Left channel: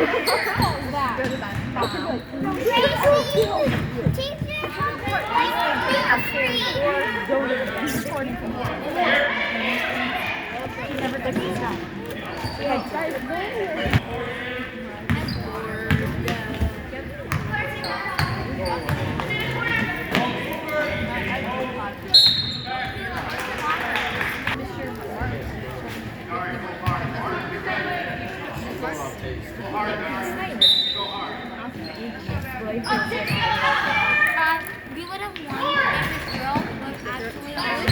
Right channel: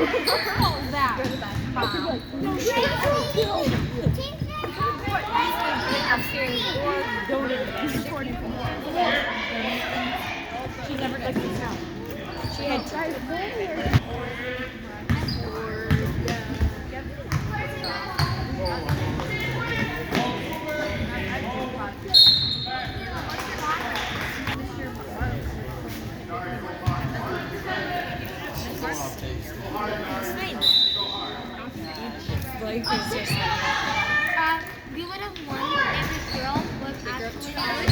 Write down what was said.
What was that? Bomb. What? Basically upstairs or go to the She never took these now. She had two. We would have won if this girl would have